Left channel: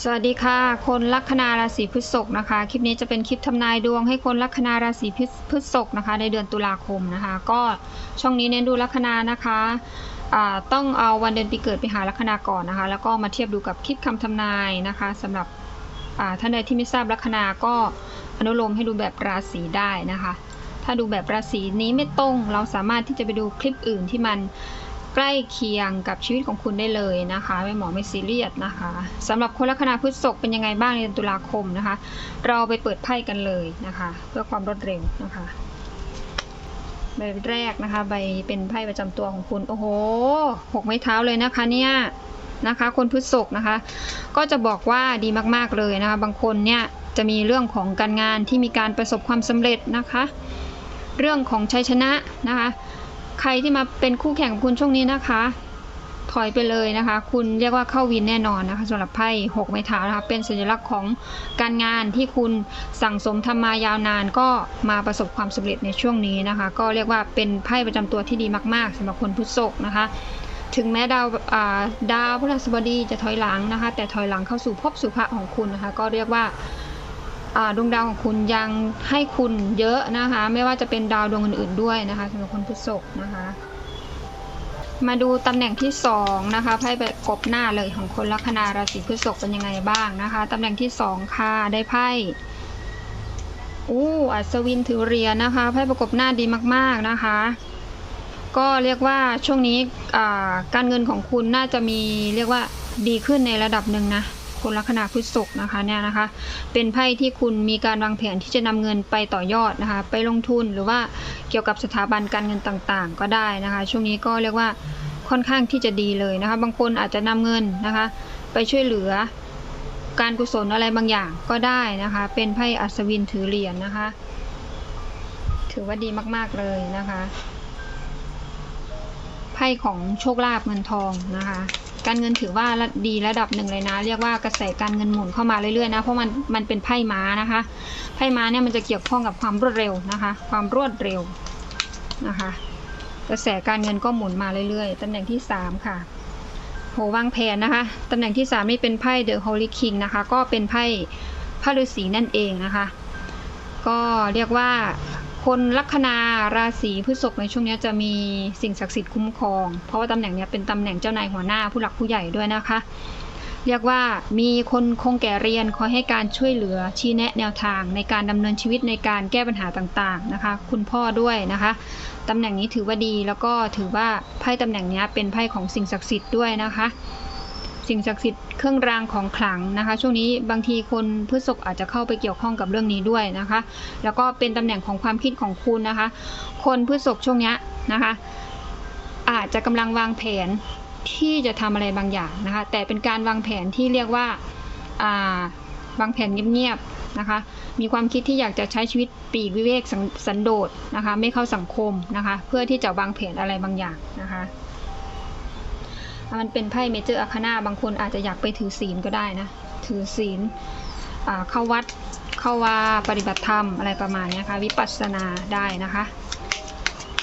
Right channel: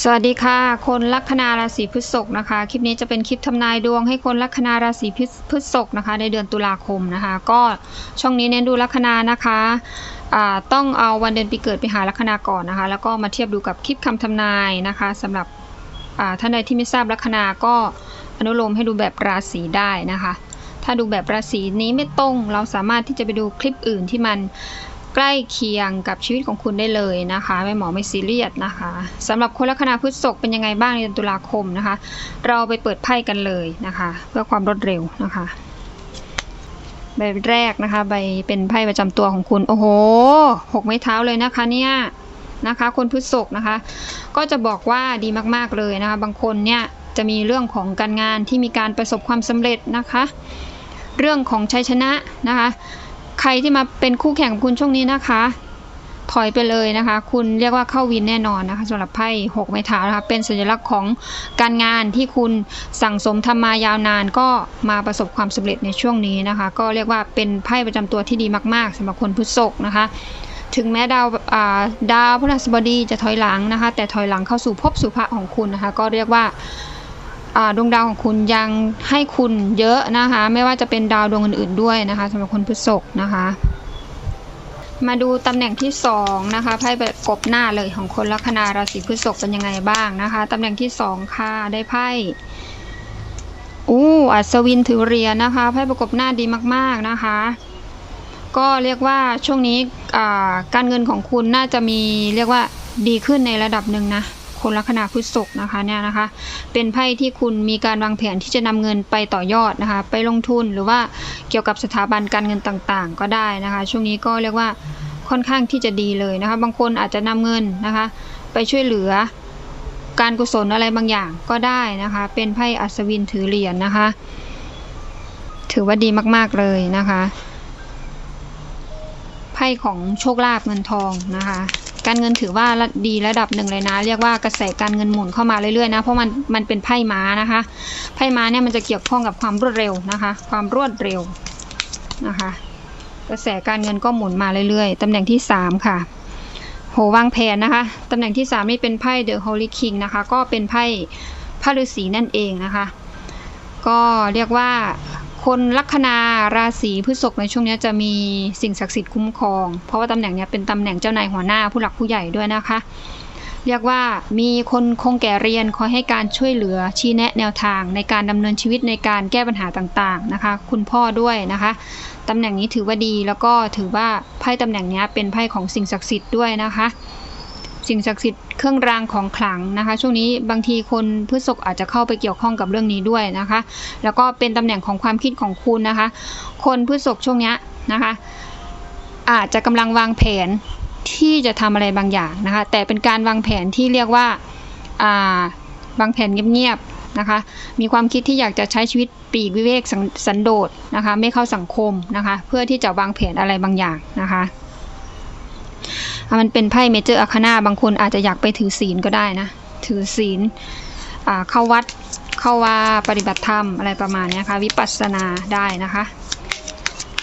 สวัสดีค่ะ คนลัคนาราศีพฤษภนะคะ คลิปนี้จะเป็นคลิปทำนายดวงให้คนลัคนาราศีพฤษภนะคะ ในเดือนตุลาคมนะคะ ก็ช่องนี้เน้นดูลัคนานะคะอ่าต้องเอาวันเดือนปีเกิดไปหาลัคนาก่อนนะคะ แล้วก็มาเทียบดูกับคลิปคำทำนายนะคะสำหรับอ่าท่านใดที่ไม่ทราบลัคนาก็อนุโลมให้ดูแบบราศีได้นะคะ ถ้าดูแบบราศีนี้ไม่ตรงเราสามารถที่จะไปดูคลิปอื่นที่มัน ใกล้เคียงกับชีวิตของคุณได้เลยนะคะแม่หมอไม่ซีเรียสนะคะสำหรับคนลัคนาพฤษภเป็นยังไงบ้างในเดือนตุลาคมนะคะ เราไปเปิดไพ่กันเลยนะคะ เพื่อความรวดเร็วนะคะใบแรกนะคะใบเป็นไพ่ประจำตัวของคุณ โอ้โหหกไม้เท้าเลยนะคะเนี่ยนะคะ คนพฤษภนะคะ ก็จะบอกว่าดีมากๆเลยนะคะ บางคนเนี่ยจะมีเรื่องของการงานที่มีการประสบความสำเร็จนะคะ เรื่องของชัยชนะนะคะ ใครที่มาเป็นคู่แข่งคุณช่วงนี้นะคะ ถอยไปเลยนะคะ คุณเรียกว่าเข้าวินแน่นอนนะคะสำหรับไพ่หกไม้เท้านะคะเป็นสัญลักษณ์ของการงานที่คุณสั่งสมทำมายาวนานก็มาประสบความสำเร็จในช่วงนี้นะคะ ก็เรียกว่าเป็นไพ่ประจำตัวที่ดีมาก ๆสำหรับคนพฤษภนะคะถึงแม้ดาวดาวพฤหัสบดีจะถอยหลังนะคะ แต่ถอยหลังเข้าสู่ภพสุภะของคุณนะคะ ก็เรียกว่า ดวงดาวของคุณยังให้คุณเยอะนะคะ ไม่ว่าจะเป็นดาวดวงอื่น ๆด้วยนะคะสำหรับคนพฤษภนะคะ มาดูตำแหน่งที่สองนะคะไพ่แบบกบหน้าเลยของคนลัคนาราศีพฤษภเป็นยังไงบ้างนะคะตำแหน่งที่สองค่ะได้ไพ่อู้อัศวินถือเหรียญนะคะไพ่ประกบหน้าดีมาก ๆนะคะ ก็เรียกว่าช่วงนี้การเงินของคุณน่าจะมีเรียกว่าดีขึ้นในระดับหนึ่งนะ คนลัคนาพฤษภนะคะเนี่ยนะคะ เป็นไพ่ที่คุณมีการวางแผนที่จะนำเงินไปต่อยอดนะคะ ไปลงทุนหรือว่าเกี่ยวกับสถาบันการเงินต่างๆ ก็ได้นะคะ ช่วงนี้ก็เรียกว่าค่อนข้างที่จะดีเลยนะคะ บางคนอาจจะนำเงินนะคะ ไปช่วยเหลือการกุศลอะไรบางอย่างก็ได้นะคะ เป็นไพ่อัศวินถือเหรียญนะคะ ถือว่าดีมากๆเลยนะคะ ไพ่ของโชคลาภเงินทองนะคะ การเงินถือว่าดีระดับหนึ่งเลยนะ เรียกว่ากระแสการเงินหมุนเข้ามาเรื่อยๆนะเพราะมันมันเป็นไพ่ม้านะคะ ไพ่ม้าเนี่ยมันจะเกี่ยวข้องกับความรวดเร็วนะคะ ความรวดเร็วนะคะ กระแสการเงินก็หมุนมาเรื่อยๆตำแหน่งที่สามค่ะโหวางแผนนะคะตำแหน่งที่สามนี่เป็นไพ่เดอะฮอลลีคิงนะคะ ก็เป็นไพ่พระฤาษีนั่นเองนะคะ ก็เรียกว่า คนลัคนาราศีพฤษภในช่วงนี้จะมีสิ่งศักดิ์สิทธิ์คุ้มครอง เพราะว่าตำแหน่งนี้เป็นตำแหน่งเจ้านายหัวหน้าผู้หลักผู้ใหญ่ด้วยนะคะ เรียกว่ามีคนคงแก่เรียนคอยให้การช่วยเหลือชี้แนะแนวทาง ในการดำเนินชีวิตในการแก้ปัญหาต่างๆนะคะ คุณพ่อด้วยนะคะตำแหน่งนี้ถือว่าดีแล้วก็ถือว่าไพ่ตำแหน่งนี้เป็นไพ่ของสิ่งศักดิ์สิทธิ์ด้วยนะคะ สิ่งศักดิ์สิทธิ์เครื่องรางของขลังนะคะ ช่วงนี้บางทีคนพฤษภอาจจะเข้าไปเกี่ยวข้องกับเรื่องนี้ด้วยนะคะ แล้วก็เป็นตำแหน่งของความคิดของคุณนะคะ คนพฤษภช่วงนี้นะคะ อาจจะกำลังวางแผนที่จะทำอะไรบางอย่างนะคะ แต่เป็นการวางแผนที่เรียกว่าาวางแผนเงียบๆนะคะ มีความคิดที่อยากจะใช้ชีวิตปีกวิเวกสันสันโดษนะคะ ไม่เข้าสังคมนะคะ เพื่อที่จะวางแผนอะไรบางอย่างนะคะ มันเป็นไพ่เมเจอร์อาคนาบางคนอาจจะอยากไปถือศีลก็ได้นะ ถือศีลเข้าวัดเข้าว่าปฏิบัติธรรมอะไรประมาณนี้ค่ะ วิปัสสนาได้นะคะ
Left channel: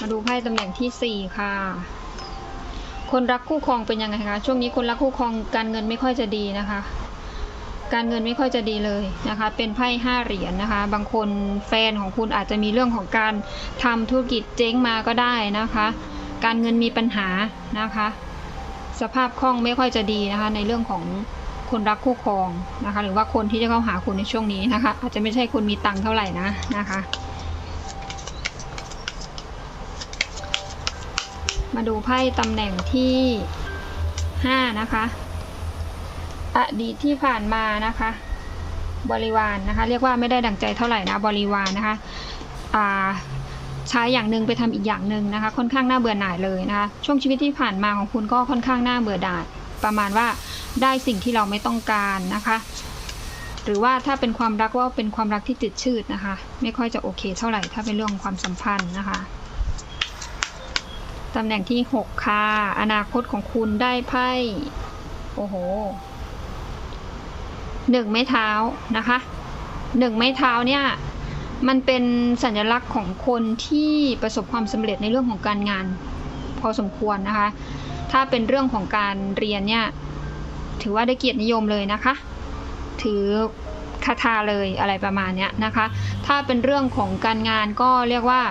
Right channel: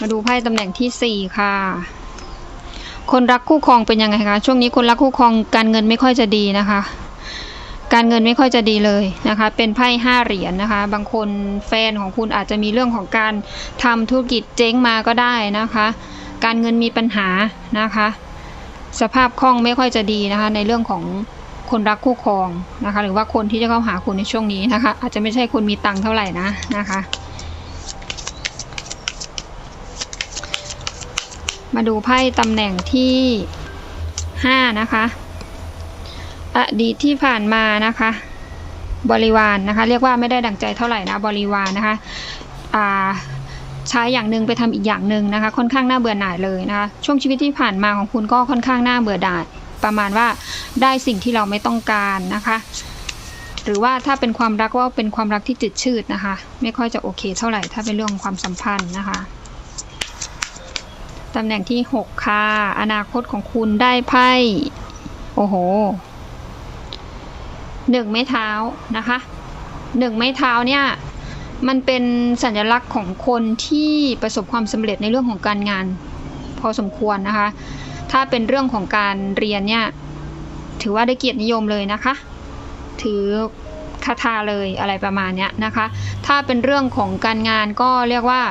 มาดูไพ่ตำแหน่งที่ 4 ค่ะ คนรักคู่ครองเป็นยังไงคะ ช่วงนี้คนรักคู่ครองการเงินไม่ค่อยจะดีนะคะการเงินไม่ค่อยจะดีเลยนะคะ เป็นไพ่ห้าเหรียญนะคะ บางคนแฟนของคุณอาจจะมีเรื่องของการทำธุรกิจเจ๊งมาก็ได้นะคะ การเงินมีปัญหานะคะ สภาพคล่องไม่ค่อยจะดีนะคะ ในเรื่องของคนรักคู่ครองนะคะ หรือว่าคนที่จะเข้าหาคุณในช่วงนี้นะคะ อาจจะไม่ใช่คนมีตังค์เท่าไหร่นะนะคะ มาดูไพ่ตำแหน่งที่ห้านะคะอดีตที่ผ่านมานะคะ บริวารนะคะ เรียกว่าไม่ได้ดังใจเท่าไหร่นะบริวารนะคะอ่า ใช้อย่างหนึ่งไปทำอีกอย่างหนึ่งนะคะ ค่อนข้างน่าเบื่อหน่ายเลยนะคะ ช่วงชีวิตที่ผ่านมาของคุณก็ค่อนข้างน่าเบื่อหน่ายประมาณว่าได้สิ่งที่เราไม่ต้องการนะคะ หรือว่าถ้าเป็นความรักว่าเป็นความรักที่จืดชืดนะคะ ไม่ค่อยจะโอเคเท่าไหร่ถ้าเป็นเรื่องของความสัมพันธ์นะคะตำแหน่งที่ 6 ค่ะ อนาคตของคุณได้ไพ่ โอ้โหหนึ่งไม้เท้านะคะหนึ่งไม้เท้าเนี่ย มันเป็นสัญลักษณ์ของคนที่ประสบความสำเร็จในเรื่องของการงาน พอสมควรนะคะ ถ้าเป็นเรื่องของการเรียนเนี่ยถือว่าได้เกียรตินิยมเลยนะคะ ถือคาถาเลยอะไรประมาณนี้นะคะ ถ้าเป็นเรื่องของการงานก็เรียกว่า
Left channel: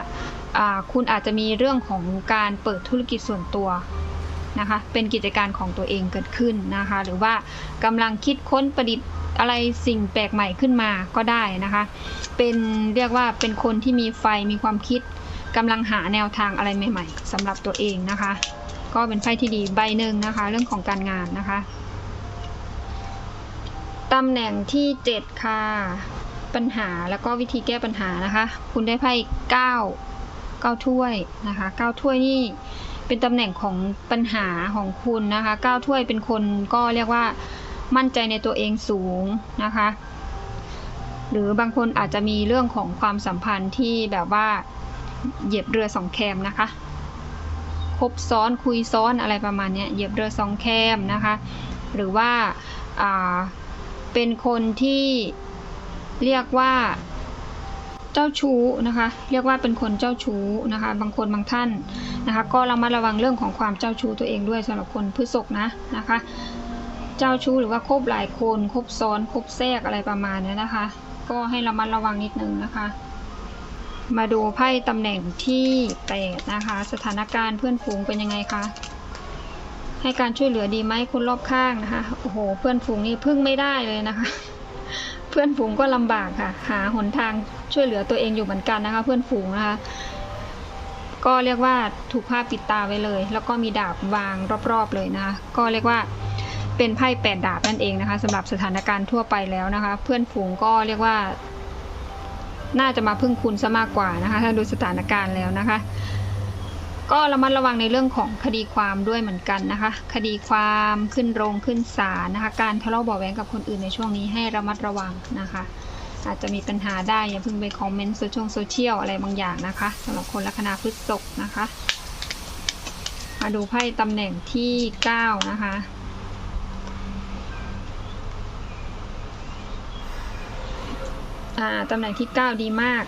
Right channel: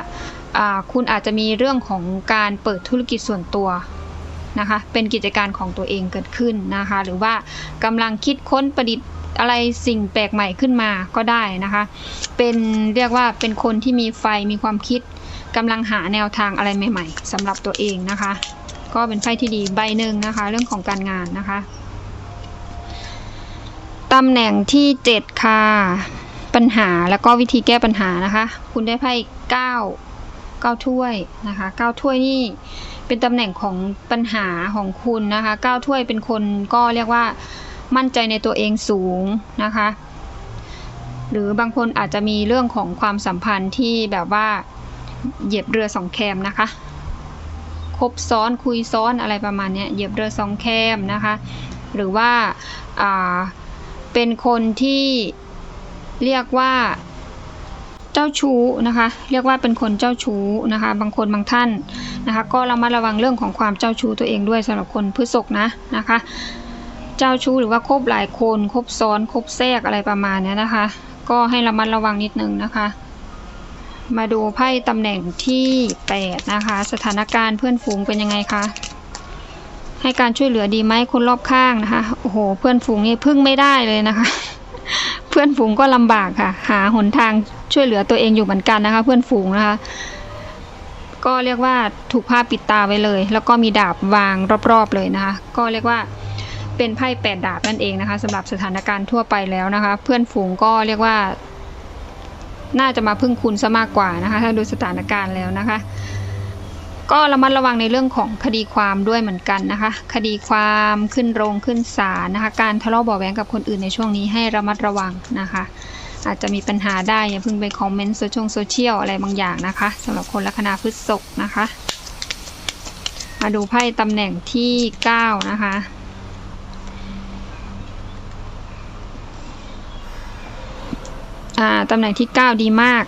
อ่าคุณอาจจะมีเรื่องของการเปิดธุรกิจส่วนตัวนะคะ เป็นกิจการของตัวเองเกิดขึ้นนะคะ หรือว่ากำลังคิดค้นประดิษฐ์ อะไรสิ่งแปลกใหม่ขึ้นมาก็ได้นะคะ เป็นเรียกว่าเป็นคนที่มีไฟมีความคิดกำลังหาแนวทางอะไรใหม่ ๆสำหรับตัวเองนะคะ ก็เป็นไพ่ที่ดีใบหนึ่งนะคะ เรื่องของการงานนะคะตำแหน่งที่ 7 ค่ะ ปัญหาแล้วก็วิธีแก้ปัญหานะคะ คุณได้ไพ่9 9ถ้วยนะคะ9ถ้วยนี่เป็นตำแหน่งของปัญหาของคุณนะคะ9ถ้วยเป็นคนก็เรียกว่า มั่นใจในตัวเองสูงนะคะ หรือบางคนอาจจะมีเรื่องของความสัมพันธ์ที่แบบว่าเหยียบเรือสองแคมนะคะคบซ้อนคุยซ้อนอะไรประมาณนี้เหยียบเรือสองแคมนะคะ หรือว่าาเป็นคนที่เรียกว่าเจ้าชู้นะคะ เรียกว่าเป็นคนเจ้าชู้นะคะ บางคนบางท่านนะคะ ก็ระมัดระวังเรื่องของความเจ้าชู้ตัวเองด้วยสำหรับคนพฤษภนะนะคะ เจ้าชู้หรือว่าคบหลายคนคบซ้อนคบแทรกอะไรประมาณนี้นะคะ ก็ให้ระมัดระวังนิดนึงนะคะ มาดูไพ่ตำแหน่งที่8นะคะ สถานการณ์เพื่อนฝูงเป็นยังไงคะให้การช่วยเหลือดีไหมคนรอบข้างนะคะโอ้โห เพื่อนฝูงนี่พึ่งไม่ได้เลยนะคะ เพื่อนฝูงก็ลำบากค่ะ หาหนทางช่วยเหลือตัวเองอยู่เหมือนกันนะคะ เพื่อนฝูงนะคะ ก็เรียกว่าถูกผ้าปิดตาไว้เลย แล้วก็มีดาบวางรอบๆเลยนะคะ ก็เรียกว่า เป็นไพ่แปดดาบนั่นเองนะคะสำหรับสถานการณ์ทั่วไปแล้วนะคะ เพื่อนฝูงก็เรียกว่า น่าจะมาพึ่งคุณซะมากกว่านะคะ ถ้าดูสถานการณ์แล้วนะคะ ก็ระมัดระวังในเรื่องของคดีความด้วยเหมือนกันนะคะ คดีความขึ้นโรงขึ้นศาลนะคะ การทะเลาะเบาะแว้งกับคนอื่นในช่วงนี้ให้ระมัดระวังนะคะ อาจจะมีปัญหาได้อย่าเพิ่งไปคอมเมนต์โซเชียลโซเชียลอะไรบางอย่างนะคะสำหรับคนลัคนาพฤษภนะคะ มาดูไพ่ตำแหน่งที่ 9 นะคะ อ่าตำแหน่งที่ 9 ดีมาก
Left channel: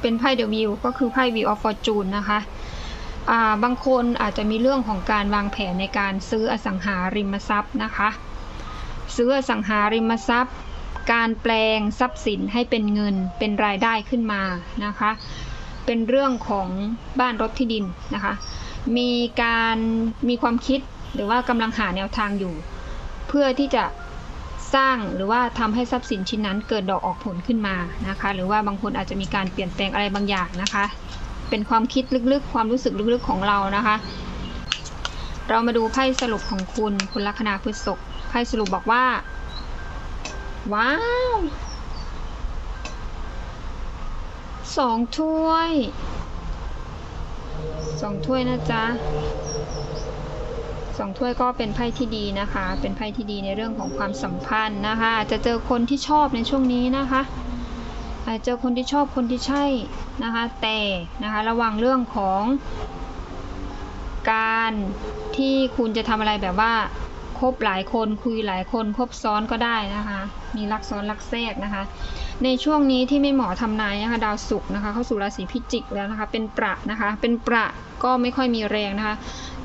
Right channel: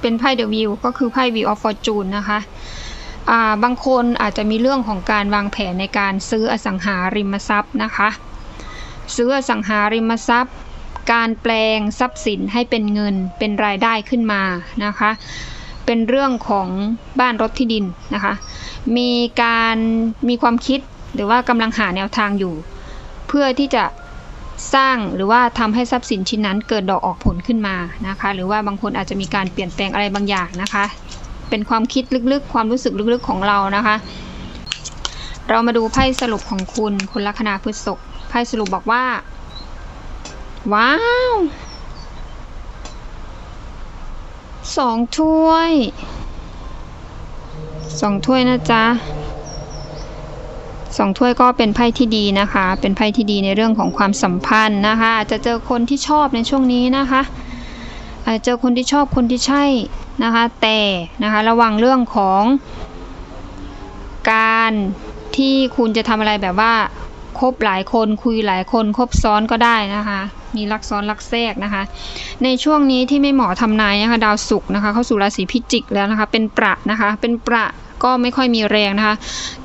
เป็นไพ่เดอะวิวก็คือไพ่วิวออฟฟอร์จูนนะคะอ่าบางคนอาจจะมีเรื่องของการวางแผนในการซื้ออสังหาริมทรัพย์นะคะ ซื้ออสังหาริมทรัพย์ การแปลงทรัพย์สินให้เป็นเงินเป็นรายได้ขึ้นมานะคะ เป็นเรื่องของบ้านรถที่ดินนะคะ มีการมีความคิดหรือว่ากำลังหาแนวทางอยู่ เพื่อที่จะ สร้างหรือว่าทำให้ทรัพย์สินชิ้นนั้นเกิดดอกออกผลขึ้นมานะคะ หรือว่าบางคนอาจจะมีการเปลี่ยนแปลงอะไรบางอย่างนะคะ เป็นความคิดลึกๆ ความรู้สึกลึกๆของเรานะคะ เรามาดูไพ่สรุปของคุณคุณลัคนาพฤษภไพ่สรุปบอกว่า ว้าวสองถ้วยสองถ้วยนะจ๊ะ สองถ้วยก็เป็นไพ่ที่ดีนะคะ เป็นไพ่ที่ดีในเรื่องของความสัมพันธ์นะคะ อาจจะเจอคนที่ชอบในช่วงนี้นะคะอาจจะเจอคนที่ชอบคนที่ใช่นะคะ แต่นะคะระวังเรื่องของการที่คุณจะทำอะไรแบบว่าคบหลายคนคุยหลายคนคบซ้อนก็ได้นะคะ มีรักซ้อนรักแทรกนะคะ ในช่วงนี้ที่ไม่เหมาะทำนายนะคะดาวศุกร์นะคะเข้าสู่ราศีพิจิกแล้วนะคะ เป็นประนะคะเป็นประ ก็ไม่ค่อยมีแรงนะคะ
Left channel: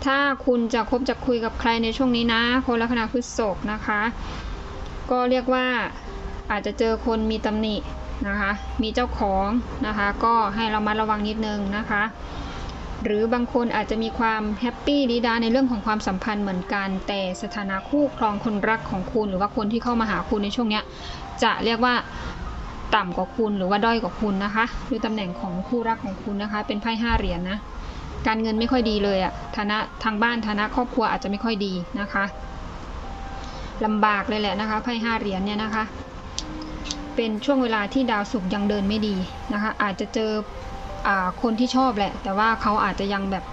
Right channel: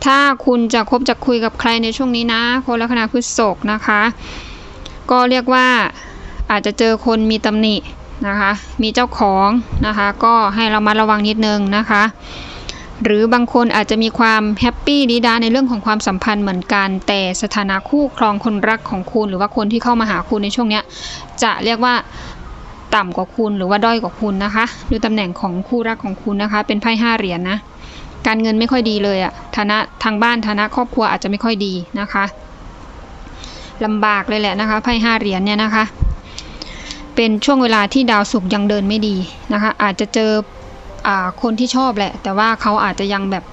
ถ้าคุณจะคบจะคุยกับใครในช่วงนี้นะ คนลัคนาพฤษภนะคะ ก็เรียกว่าอาจจะเจอคนมีตำหนินะคะ มีเจ้าของนะคะ ก็ให้เรามาระวังนิดนึงนะคะ หรือบางคนอาจจะมีความแฮปปี้ดีดาในเรื่องของความสัมพันธ์เหมือนกัน แต่สถานะคู่ครองคนรักของคุณ หรือว่าคนที่เข้ามาหาคุณในช่วงนี้จะเรียกว่าต่ำกว่าคุณหรือว่าด้อยกว่าคุณนะคะ ดูตำแหน่งของคู่รักของคุณนะคะ เป็นไพ่ห้าเหรียญนะ การเงินไม่ค่อยดีเลยอะฐานะทางบ้านฐานะครอบครัวอาจจะไม่ค่อยดีนะคะลำบากเลยแหละนะคะไพ่ห้าเหรียญเนี่ยนะคะ เป็นช่วงเวลาที่ดาวศุกร์ยังเดินไม่ดีนะคะ อาจจะเจออาคนที่ชอบแหละ แต่ว่าเขาอาจจะยังแบบ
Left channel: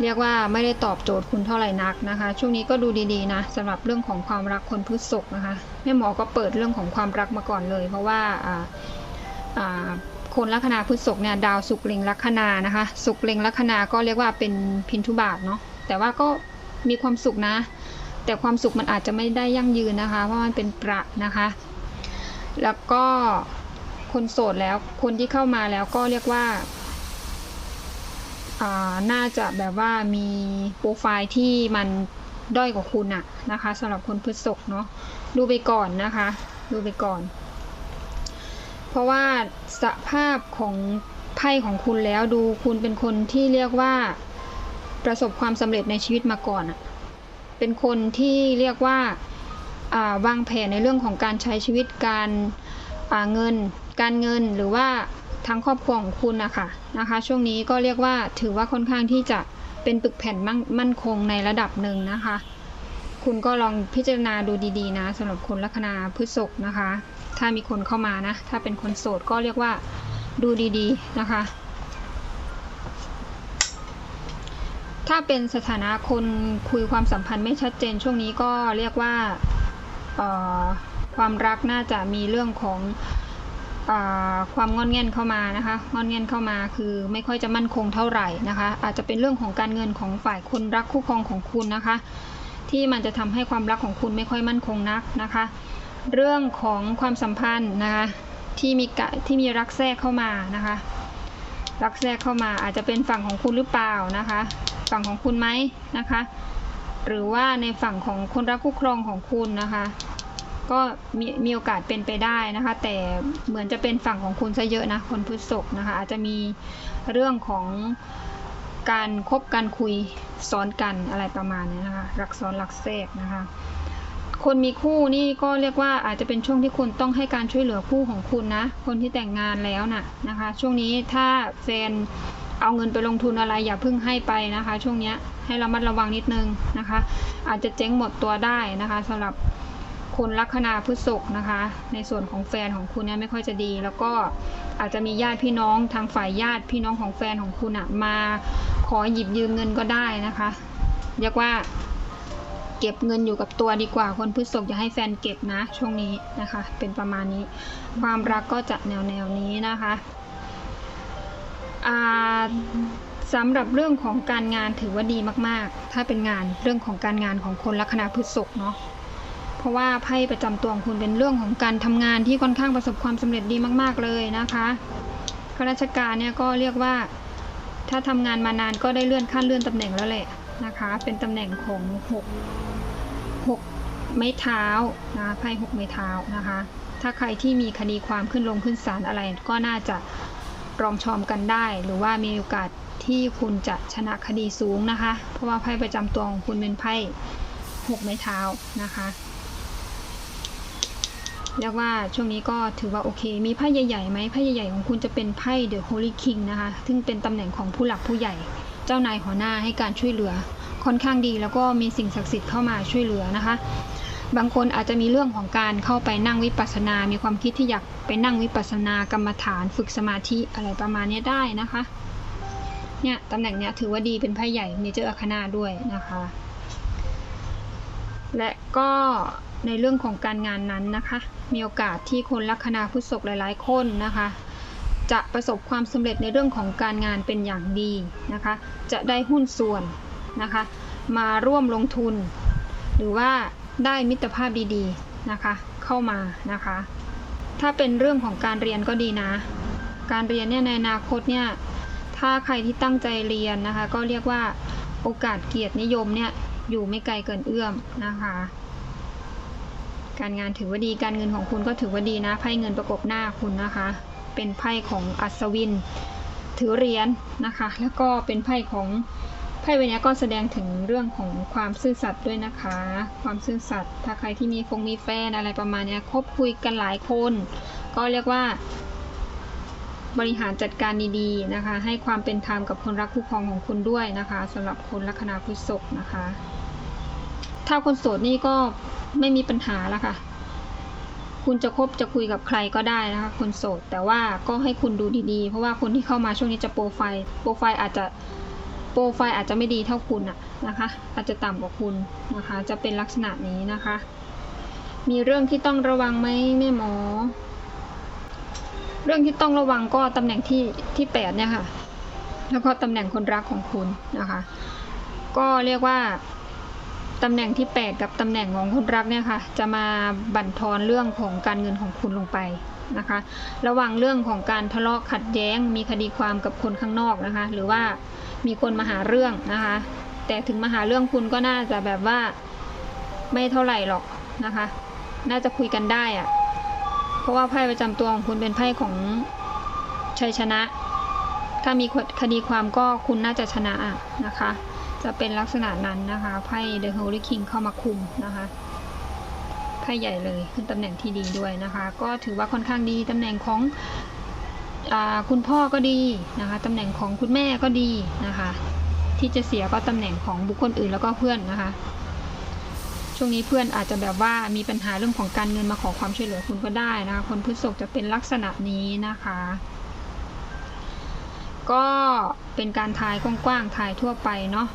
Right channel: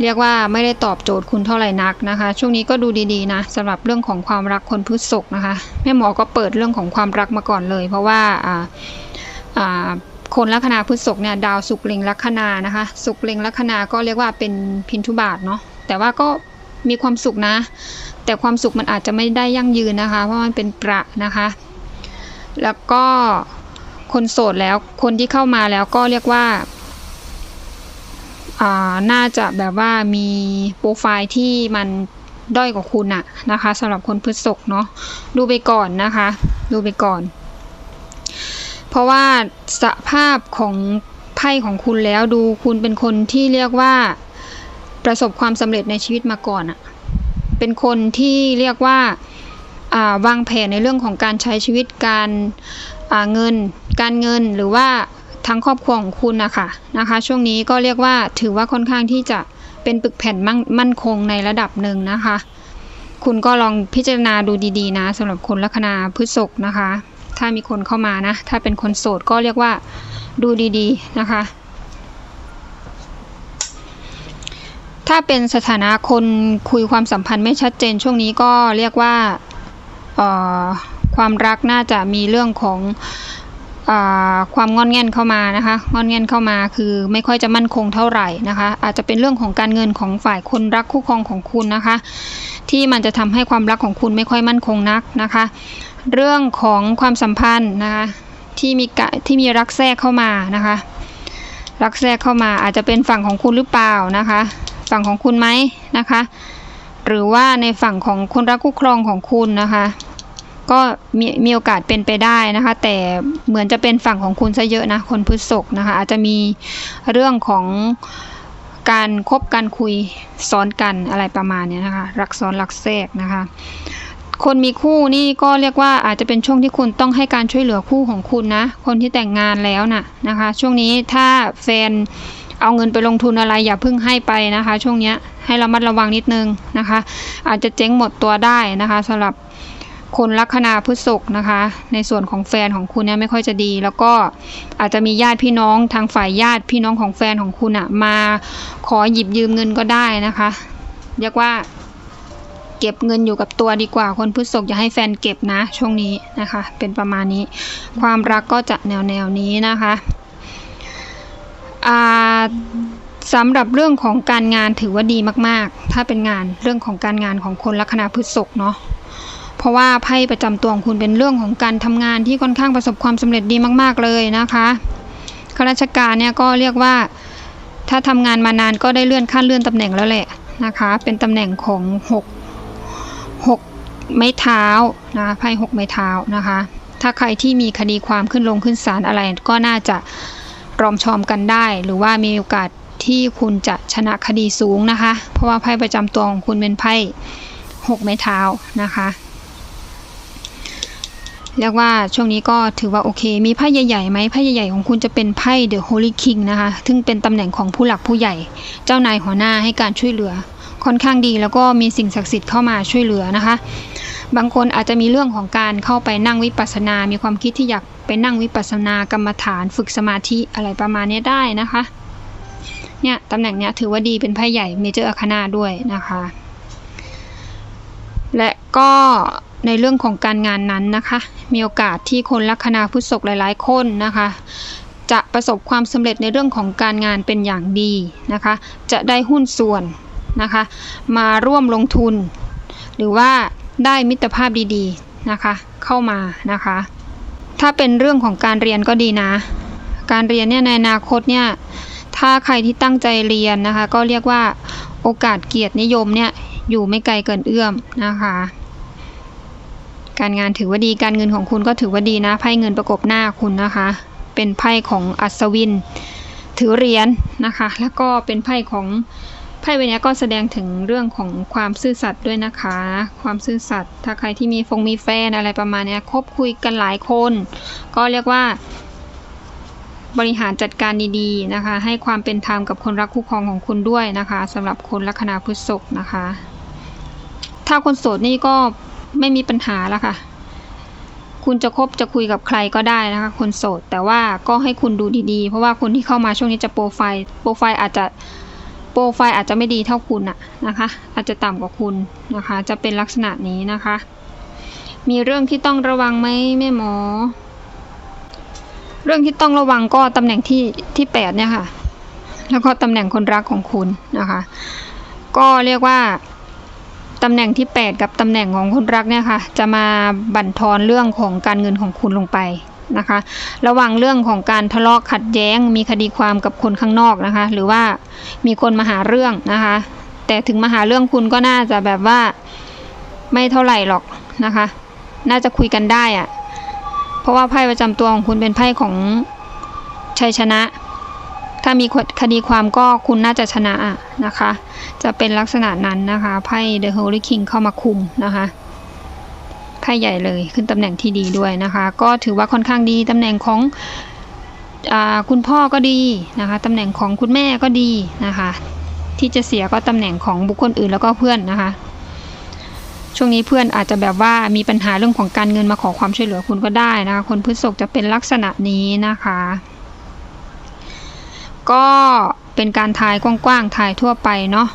เรียกว่าไม่ได้ตอบโจทย์คุณเท่าไหร่นักนะคะ ช่วงนี้ก็ดูดีๆนะสำหรับเรื่องของความรักคนพฤษภนะคะแม่หมอก็เปิดเรื่องของความรักมาก่อนเลย เพราะว่าอ่าอ่า คนลัคนาพฤษภเนี่ยดาวสุกเล็งลัคนานะคะสุกเล็งลัคนาก็เรียกว่าเป็นพินทุบาทเนาะแต่ว่าก็มีความสุขนะ แต่ความสุขมันอาจจะไม่ได้ยั่งยืนนะคะ เพราะมันเป็นประนะคะ แล้วก็คนโสดแล้วคนที่เข้ามาแล้วก็เรียกว่าอ่าน่าจะแบบว่ามีโปรไฟล์ที่มันด้อยกว่าคุณอะนะคะสำหรับคนพฤษภเนาะดูไปก่อนนะคะ ดูไปก่อน เพราะว่าสภาพของไพ่ของคุณแล้วดูคุณเป็นคนที่เรียกว่าประสบความสำเร็จในชีวิตมาก่อนอะเป็นคนที่เรียกว่าาวางแผนในเรื่องของการใช้ชีวิตการาเงิน การเงินหรือว่าทั้งครอบครัวของคุณนะคะนะคะ ช่วงนี้ก็เรียกว่าถือว่าค่อนข้างที่จะเป็นปึกแผ่นมั่นคงในระดับหนึ่งนะคะ คุณก็ลองพิจารณาดูดีๆ นะสำหรับคนลัคนาพฤษภนะคะ ถ้ามีคนเข้ามานะ ถ้าเป็นคนโสดก็เรียกว่าดูดีๆนะคะ ถ้าเป็นสถานะคนคุยความสัมพันธ์ไม่ชัดเจนช่วงนี้ก็เรียกว่าความรักน่าจะมีเรื่องของอความงอนแงนเข้ามานะคะงอนแงนเข้ามาคือไม่ค่อยจะมั่นคงเท่าไหร่นะคะ อาจจะเป็นเรื่องของการเงินของฝ่ายคนรักคู่ครองของคุณนะคะ ที่มันจะทำให้ความรักของคุณไม่ค่อยมั่นคงนักนะคะ เรื่องของความสัมพันธ์นะคะที่มีกะที่มีรักแทรกเข้ามานะคะ รักแทรกเข้ามาอาจจะเป็นฝั่งของคุณหรือเปล่านะคะ ฝั่งของคุณไหมนะคะ หรือว่าในฝั่งของคนรักคู่ครองของคุณนะคะ ก็มีมีโอกาสเป็นไปได้นะคะ แต่เหมือนจะเป็นฝั่งของคุณซะเยอะนะคนพฤษภนะคะ อาจจะมีเรื่องของการคบการคุยซ้อนกันอะไรประมาณนี้นะคะ รักซ้อนรักแทรกนะคะ คนมีคู่นี่ก็เรียกว่าอาจจะเป็นช่วงที่คุณต้องให้การช่วยเหลือคู่ของคุณนะ คนที่แต่งงานแล้วน่ะนะคะ ช่วงนี้ถ้าแฟนเอาเงินไปลงทุนอะไรอย่าเพิ่งให้ไปนะคะ ช่วงนี้ให้ระมัดระวังนิดนึงนะคะ อาจจะเจ๊งหมดตัวได้นะคะสำหรับคนลัคนาพฤษภนะคะ ในส่วนของแฟนของคุณเนี่ยไม่ค่อยจะดี แล้วก็อาจจะมีญาติพี่น้องทางฝ่ายญาติพี่น้องของแฟนของคุณอะมาขอหยิบยืมเงินก็ได้นะคะ เรียกว่า เก็บเงินอยู่กับตัวดีกว่า คนพฤษภอย่าให้แฟนเก็บนะ ช่วงนี้นะคะ เป็นประมาณนี้ ความรักก็จะแนวแนวนี้นะคะสำหรับเรื่องของการงานถือว่าดีมาก ๆ ถ้าเป็นงานเรื่องของการงานของคนลัคนาพฤษภเนาะเพราะว่าไพ่ประจำตัวของคุณเป็นเรื่องของการทำงานที่ค่อนข้างประสบความสำเร็จดีมาก ๆ เลยนะคะข้าราชการเนี่ยก็เรียกว่าถ้าทำงานมานานก็ได้เลื่อนขั้นเลื่อนตำแหน่งแล้วแหละนะคะ เป็นตำแหน่งของห กหกไม้เท้านะไพ่หกไม้เท้านะคะ ถ้าใครที่มีคดีความขึ้นลงขึ้นศาลอะไรก็น่าจะรอมชอมกันได้ หรือว่ามีโอกาสที่คุณจะชนะคดีสูงนะคะ เพราะว่าไพ่ประจำตัวของคุณเป็นไพ่หกไม้เท้านะคะเรียกว่าช่วงนี้ก็ถือว่าโอเค มีไพ่ใหญ่ๆไหมไพ่ใหญ่ๆของคุณจะเป็นไพ่ The Holy King นะคะ ซึ่งเป็นตำแหน่งของผู้หลักผู้ใหญ่ เจ้านายหัวหน้าให้การช่วยเหลือ ค่อนข้างดีแล้วก็มีสิ่งศักดิ์สิทธิ์เข้ามาช่วยเหลือนะคะ บางคนอาจจะมีเรื่องของการเข้าไปนั่งวิปัสสนา มีความคิดที่อยากไปนั่งวิปัสสนากรรมฐานฝึกสมาธิอะไรประมาณนี้ได้นะคะเนี่ยตำแหน่งเนี้ยถือว่าดีเป็นไพ่ใหญ่เมเจอร์อาคานาด้วยนะคะ และก็ในเรื่องของการงานนั้นนะคะ มีโอกาสที่คนลัคนาพุทธศกหลายๆ คนนะคะ จะประสบความสำเร็จในเรื่องของการงานเป็นอย่างดีนะคะ จะได้หุ้นส่วน นะคะ มาร่วมลงทุน หรือว่าได้มิตรภาพดีๆนะคะ เข้ามานะคะ ถ้าเป็นเรื่องของการเรียนก็ดีนะ การเรียนเนี่ยในอนาคตเนี่ยถ้าใครที่ตั้งใจเรียนนะคะ ก็เรียกว่าโอกาสเกียรตินิยมเนี่ยอยู่ไม่ไกลเกินเอื้อมนะคะ การงานถือว่าดีการเงินของคุณก็ถือว่าดีนะไพ่เงินประกบหน้าคุณนะคะ เป็นไพ่ของอัศวิน ถือเหรียญนะคะ แล้วก็เป็นไพ่ของ ไพ่ใบนี้ก็แสดงถึงเรื่องของความซื่อสัตย์ด้วยนะคะ ความซื่อสัตย์ถ้าใครที่มีฟงมีแฟนอะไรประมาณนี้คบคุยกันหลายคน ก็เรียกว่า บริหารจัดการดีๆนะคะ ให้ความเป็นธรรมกับคนรักคู่ครองของคุณด้วยนะคะสำหรับคนลัคนาพฤษภนะคะ ถ้าคนโสดนี่ก็ไม่มีปัญหาแล้วค่ะคุณจะคบจะคุยกับใครก็ได้นะคะ คนโสด แต่ว่าก็ให้คุณดูดีๆ เพราะว่าคนที่เข้ามาช่วงนี้จะโปรไฟล์ โปรไฟล์อาจจะ โปรไฟล์อาจจะไม่ดีเท่าคุณอะนะคะ อาจจะต่ำกว่าคุณนะคะ จะเป็นลักษณะนี้นะคะ มีเรื่องที่ต้องระวังไหมแม่หมอ เรื่องที่ต้องระวังก็ตำแหน่งที่ที่แปดเนี่ยค่ะ แล้วก็ตำแหน่งคนรักของคุณนะคะ ก็เรียกว่าตำแหน่งที่ 8 กับตำแหน่งของคนรักเนี่ยค่ะ จะมาบั่นทอนเรื่องของการเงินของคุณลงไป นะคะ ระวังเรื่องของการทะเลาะขัดแย้ง มีคดีความกับคนข้างนอกนะคะ หรือว่ามีคนมาหาเรื่องนะคะ แต่ถึงมาหาเรื่องคุณก็น่าจะแบบว่าไม่เท่าไหร่หรอกนะคะ น่าจะคุยกันได้อะเพราะว่าไพ่ประจำตัวของคุณเป็นไพ่ของชัยชนะ ถ้ามีคดีความก็คุณน่าจะชนะอะนะคะ จะเป็นลักษณะนั้นนะคะ ไพ่ The Holy King เข้ามาคุมนะคะ ไพ่ใหญ่เลยขึ้นตำแหน่งที่ดีด้วยนะคะ ก็ถือว่าค่อนข้างดีตำแหน่งของอคุณพ่อก็ดีนะคะตำแหน่งของคุณแม่ก็ดีนะคะ ที่จะเสียก็ตำแหน่งของบุคคลอื่นแล้วก็เพื่อนนะคะ ช่วงนี้เพื่อนอาจจะแบบว่ามีปัญหาเรื่องของการเงินมาขอความช่วยเหลือคุณก็ได้นะคะคนพฤษภจะเป็นลักษณะนี้นะคะ ก็เป็นการทายกว้างๆทายทั่วไปเนาะ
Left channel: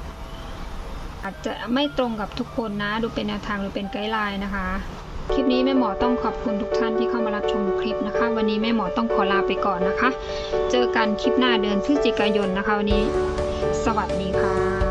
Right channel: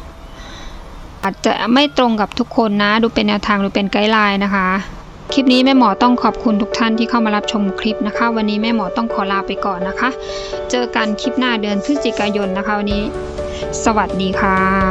อาจจะไม่ตรงกับทุกคนนะ ดูเป็นแนวทางหรือเป็นไกด์ไลน์นะคะ คลิปนี้แม่หมอต้องขอบคุณทุกท่านที่เข้ามารับชมคลิปนะคะ วันนี้แม่หมอต้องขอลาไปก่อนนะคะ เจอกันคลิปหน้าเดือนพฤศจิกายนนะคะวันนี้ สวัสดีค่ะ